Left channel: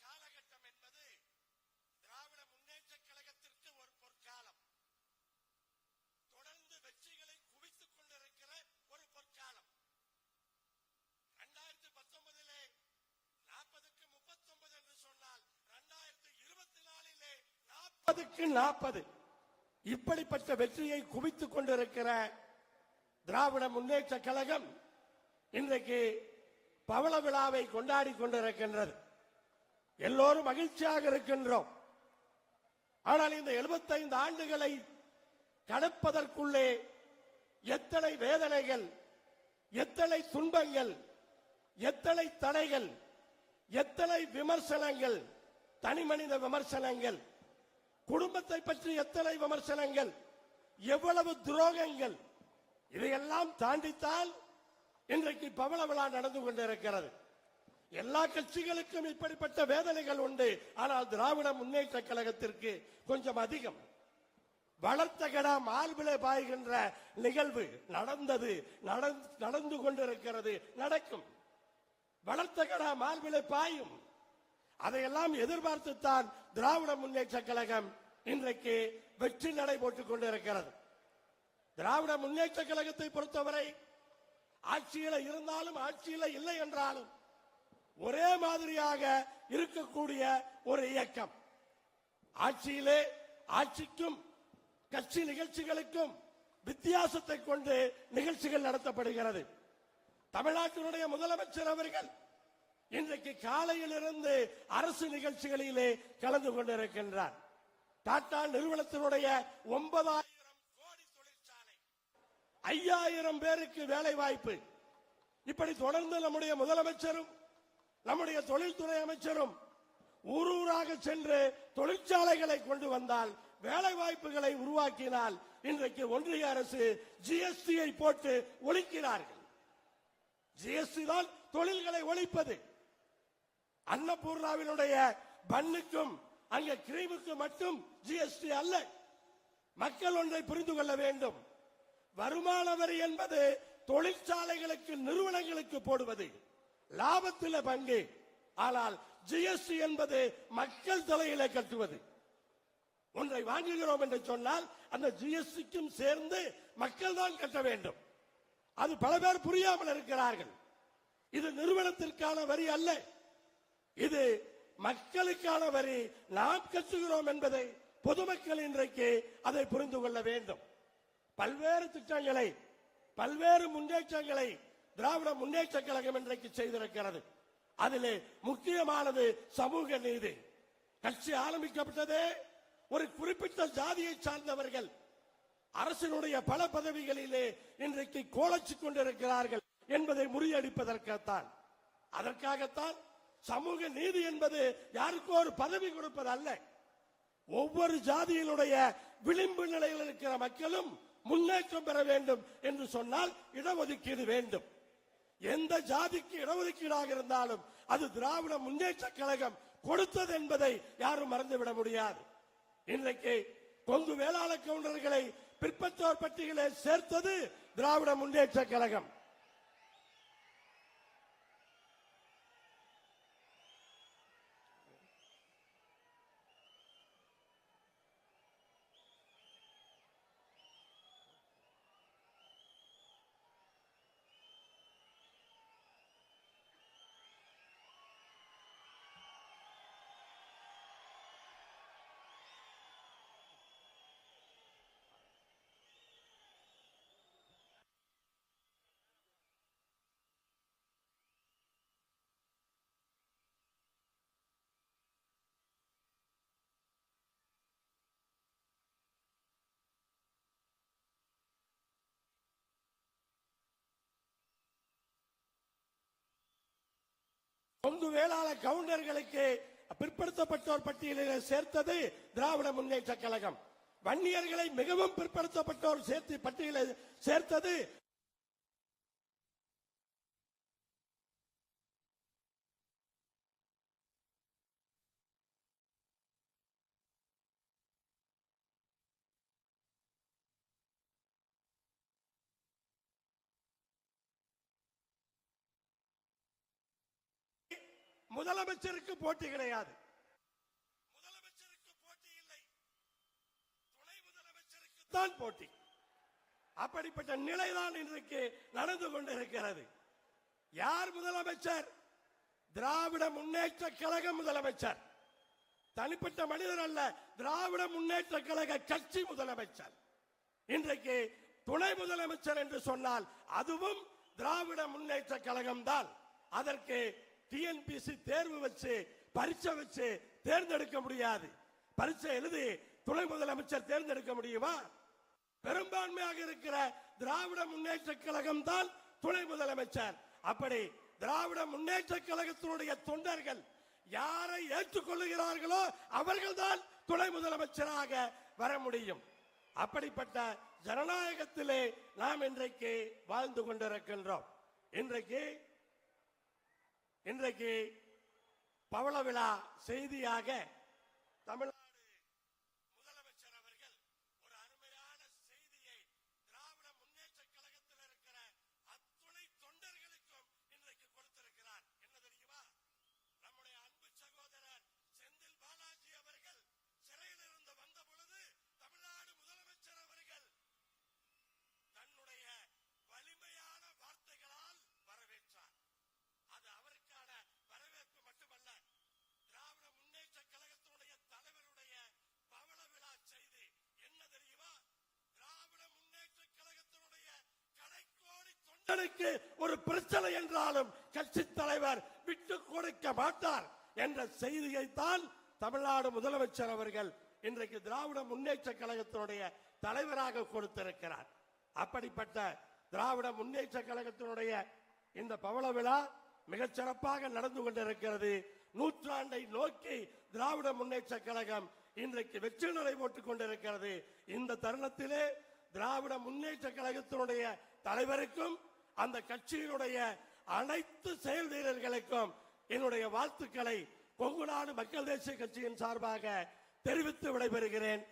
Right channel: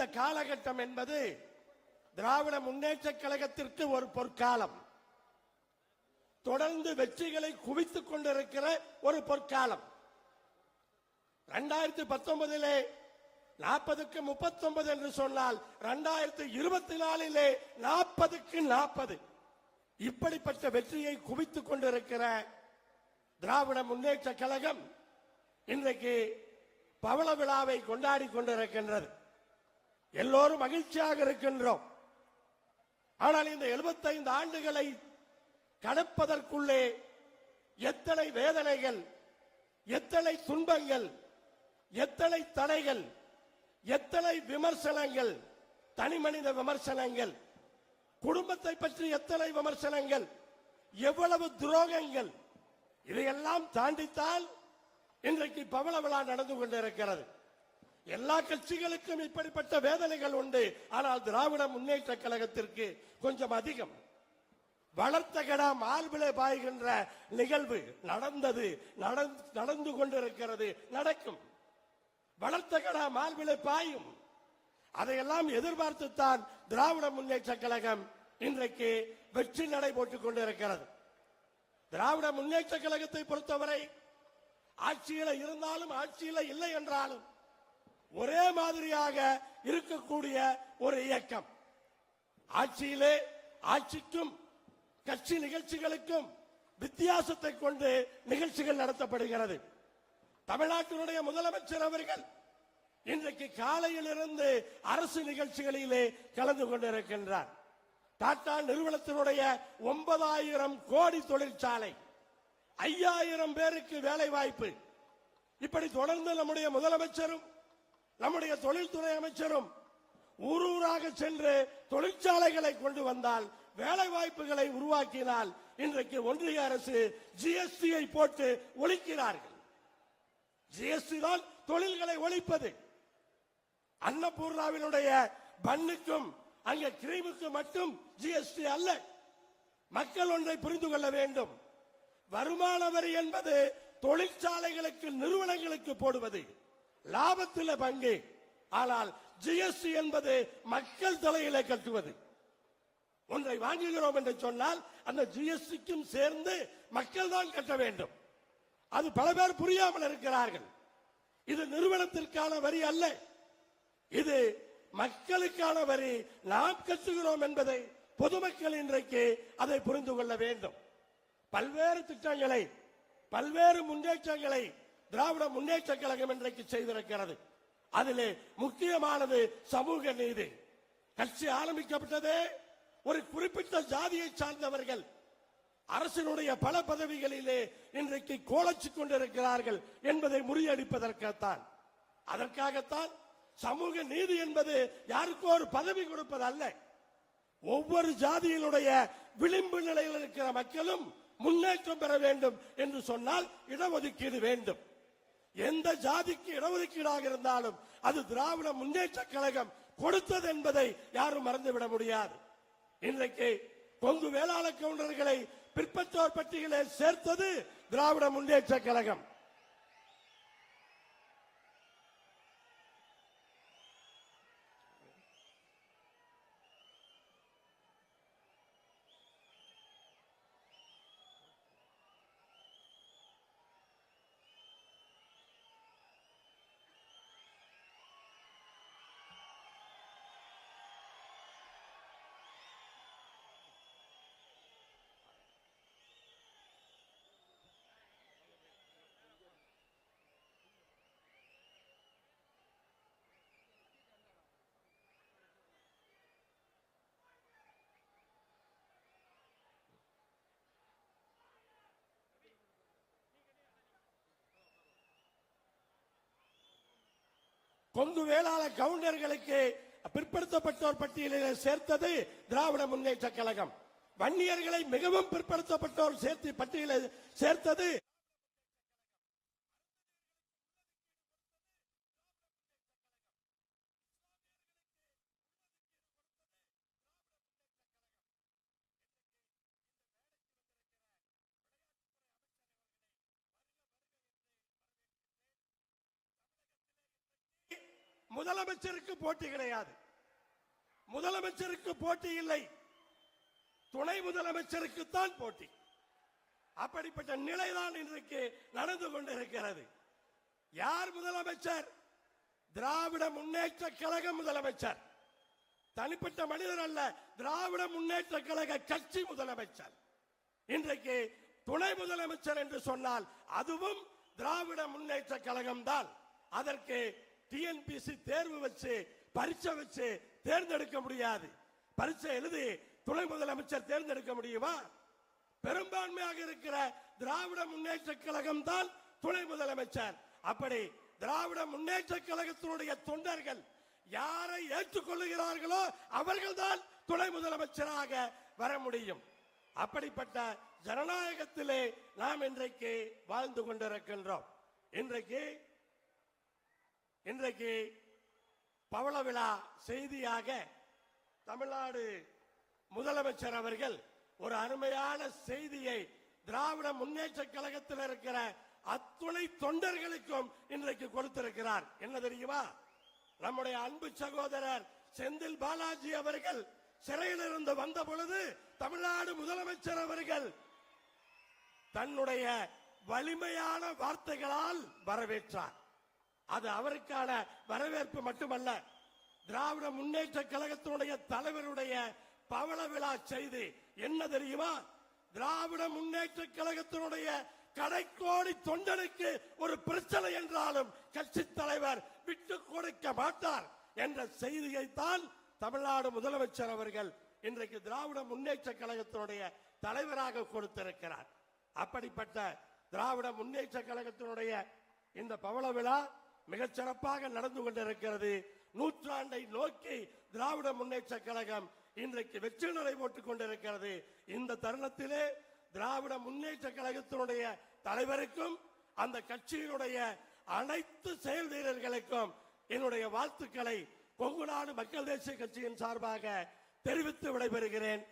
இந்த காலகட்டம் என்பது திராவிட முன்னேற்ற கழகத்திற்கு ஒரு பொற்காலம். தொடர்ந்து வெற்றிகளை குவித்துக் கொண்டிருக்கிற ஒரு பொற்காலம். 2019 40க்கு 39 என்று சொன்னால் 2024 40க்கு 40 இப்படிப்பட்ட வெற்றியை குவித்துக் கொண்டிருக்கிற திராவிட முன்னேற்ற கழகம் இன்றைக்கு பவள விழாவை கொண்டாடி கொண்டிருக்கிறது. எல்லோரும் மகிழ்ச்சியாக இருக்கிறோம். ஆனால் 75 ஆண்டுகளை கடப்பதற்குள்ளே எத்தனை வேதனைகள், எத்தனை துன்பங்கள், எத்தனை தடைகள், எத்தனை விமர்சனங்கள், தனிமனித விமர்சனங்கள், குடும்பத்தை பற்றிய எத்தனை விமர்சனங்கள், எவ்வளவு துரோகங்கள், இதையெல்லாம் தாண்டித்தான் இன்றைக்கு பவள விழா நடந்து கொண்டிருக்கிறது. எல்லா கட்சிகளுக்கும் இப்படிப்பட்ட வேதனைகள் உண்டு. ஆனால் திராவிட முன்னேற்ற கழகத்திற்கு கொஞ்சம் அதிகம். வளர்க்கடா மாநில பாய்கிற நிகழ்வு நடந்தது, நடந்து கொண்டிருக்கிறது, நடக்கும். வளர்க்கடா மாநில பாயும். அதையெல்லாம் எதிர்பார்த்துத்தான் திராவிட முன்னேற்ற கழகம் இன்றைக்கு வெற்றி நடை போட்டுக் கொண்டிருக்கிறது. திராவிட முன்னேற்ற கழகத்தை பொறுத்தவரை ஆட்சியில் இருந்தாலும் ஆட்சியில் இல்லை என்றாலும் ஒரே மாதிரியாக இருக்கக்கூடிய ஒரு இயக்கம். ஆட்சிக்கும் கட்சி நிகழ்ச்சிகளுக்கும் வித்தியாசத்தை கொண்டு நிகழ்ச்சிகள் நடத்தப்படுகிறது. தமிழ்நாட்டினுடைய முதலமைச்சர் அவர்கள் இன்றைக்கு காலையிலிருந்து அரசு நிகழ்ச்சிகளிலே கலந்து கொண்டிருக்கிறார். டாடா நிறுவனத்துடைய 9,000 கோடி தொழிற்சாலை, 5,000 பேருக்கு வேலை வாய்ப்பு, இப்படி தொடர்ந்து நம்முடைய முதலமைச்சரும் நம்முடைய தொழில்துறை அமைச்சரும் ஊராக சென்று தொழிற்சாலைகளை கொண்டு வந்தால், வேலை வாய்ப்புகளை உருவாக்கினால் இன்றைக்கு ஒன்றிய அரசு ஜிஎஸ்டியை போட்டு ஒழிக்கிறார்கள். ஜிஎஸ்டி தான் தொழில்களை ஒழிப்பது. அன்னபூர்ணாவுடைய பண்ணுக்கும் அங்கே கிரீம் மட்டும் ஜிஎஸ்டி அல்ல. மக்கள் ஒன்றை புரிந்து கொள்ள வேண்டும். வருமான வரி என்பது தொழிற்சாலைகளுக்கு நிறுவனங்களுக்கு போடுவது லாபத்தில் பங்கு. ஆனால் ஜிஎஸ்டி என்பது மக்கள் தொகைகளை கட்டுவது. ஒன்றை வாங்குகிறோம் என்று சொன்னால் அந்த ஜிஎஸ்டியும் சேர்ந்து மக்கள் தான் கட்ட வேண்டும். அது பல பேர் புரியாமல் இருக்கிறார்கள். இது நிறுவனத்திற்கான வரி அல்ல, இது மக்களுக்கான வரி. நாம் கட்டுகிறோம் என்பதை பொதுமக்கள் இன்றைக்கு அதை புரிந்து கொள்ள வேண்டும். பல்வேறு சட்டங்களை, பல்வேறு முன்னேற்றங்களை திராவிட முன்னேற்ற கழகம் இன்றைக்கு செய்திருக்கிறது. அதிலே முக்கியமானது சமூக நீதி. கட்சி ஆரம்பிக்கப்பட்டதே ஒரு குறிப்பிட்ட ஜாதியை சார்ந்தவர்கள் அரசுடைய பல பதவிகளிலே இன்றைக்கு கோலச் கொண்டிருக்கிறார்கள் என்பதை உறுதியளிப்பதற்காகத்தான். அதற்காகத்தான் சமூக நீதி என்பது யாருக்கோ ஒரு பதவி கொடுப்பதல்ல. ஒவ்வொரு ஜாதியுடைய விளிம்பு நிலையில் இருக்கிற மக்களும் முன்னேற்றம் பெற வேண்டும் என்று சொன்னால் இடஒதுக்கீடு வேண்டும். எந்த ஜாதிக்கு இடஒதுக்கீடு அது திராவிட முன்னேற்ற கழகம் கொடுத்தது என்பதை யாரும் மறந்துவிட முடியாது. இன்றைக்கு கொங்கு வேளாண் உணர்வுகளை பிற்பட்டோர் பட்டியலிலே சேர்த்தது திராவிட முன்னேற்ற கழகம். கொங்கு வேளாண் கவுண்டர்களுக்கு பிற்படுத்தப்பட்டோர் பகுதிகளில் சேர்த்தது திராவிட முன்னேற்ற கழகம். வன்னியர்களை மிகவும் பிற்படுத்தப்பட்டோர் பட்டியலில் சேர்த்தது முதலமைச்சருக்கு போட்டி கிடையாது. முதலமைச்சருக்கு போட்டி இல்லை, துணை முதலமைச்சருக்கு தான் போட்டி. அப்படிப்பட்ட நிலைதான் இன்றைக்கு நடந்து கொண்டிருக்கிறது. யார் முதலமைச்சர்? திராவிட முன்னேற்ற கழக முதலமைச்சர். தனிப்பட்ட மனிதர் அல்ல, திராவிட முன்னேற்ற கழக கட்சி முதலமைச்சர். இன்றைக்கு துணை முதலமைச்சர் என்று சொன்னால் அதுவும் திராவிட முன்னேற்ற கழகம் தான். அதற்கு டிஎன்பிசி தேர்வு வச்சு பரீட்சை வச்சு தேர்ந்தெடுக்க முடியாது. பரீட்சை எழுதி துணை முதலமைச்சர் தேர்ந்தெடுக்க முடியுமா? பெரும்பான்மையாக இருக்கிற திராவிட முன்னேற்ற கழகம் தான் துணை முதலமைச்சர். அப்படி திராவிட முன்னேற்ற கழகத்தினுடைய தொண்டர்கள் யாரை ஏற்றுக்கொள்ளுகிறார்களோ அவர்கள்தான் துணை முதலமைச்சராக வர முடியும். அப்படிப்பட்ட ஜனநாயகத்திலே நாம் இன்றைக்கு வாழ்ந்து கொண்டிருக்கின்றோம். இன்றைக்கு பவள விழா செய்தியாக தமிழ்நாடு முதலமைச்சர் அவர்கள் ஒரு அருமையான செய்தியை திராவிட முன்னேற்ற கழகத்தில் இருக்கிற அத்துணை தொண்டர்களுக்கும் இன்றைக்கு கொடுத்திருக்கிறார். என்ன தெரியுமா? நம்முடைய அன்பு சகோதரர் செந்தில் பாலாஜி அவர்கள் சிறையில் இருந்து வந்த பொழுது தமிழ்நாடு முதலமைச்சர் அவர்கள் தன்னுடைய வலிமையான வார்த்தைகளால் வரவேற்றார். அது அவருக்கான வரவேற்பு மட்டுமல்ல, திராவிட முன்னேற்ற கழகத்தினுடைய தலைவருடைய பவள விழா செய்தி என்ன தெரியுமா? திராவிட முன்னேற்ற கழகத்தினுடைய கடைக்கோடி தொண்டனுக்கு ஒரு பிரச்சனை என்றாலும் கட்சி தலைவர் விட்டு கொடுக்க மாட்டார் என்ற செய்தியைத்தான் தமிழ்நாடு முதலமைச்சர் அவர்கள் இன்றைக்கு திராவிட முன்னேற்ற கழகத்தினுடைய தலைவராக கொடுத்திருக்கிறார். அப்படிப்பட்ட திராவிட முன்னேற்ற கழகத்தினுடைய இந்த பவள விழா மிகச் சிறப்பாக நடந்து கொண்டிருக்கிறது. நூற்றாண்டை நோக்கி திராவிட முன்னேற்ற கழகம் இன்றைக்கு வெற்றி நடை போட்டுக் கொண்டிருக்கிறது. இந்த தருணத்திலே திராவிட முன்னேற்ற கழகத்தினுடைய தலைவருக்கும் அந்த கட்சியினுடைய அனைத்து செயல் வீரர்களுக்கும் என்னுடைய வாழ்த்துக்களை கொங்கு நாடு மக்கள் தேசிய கட்சியின் சார்பாக தெரிவித்து விடைபெறுகிறேன்.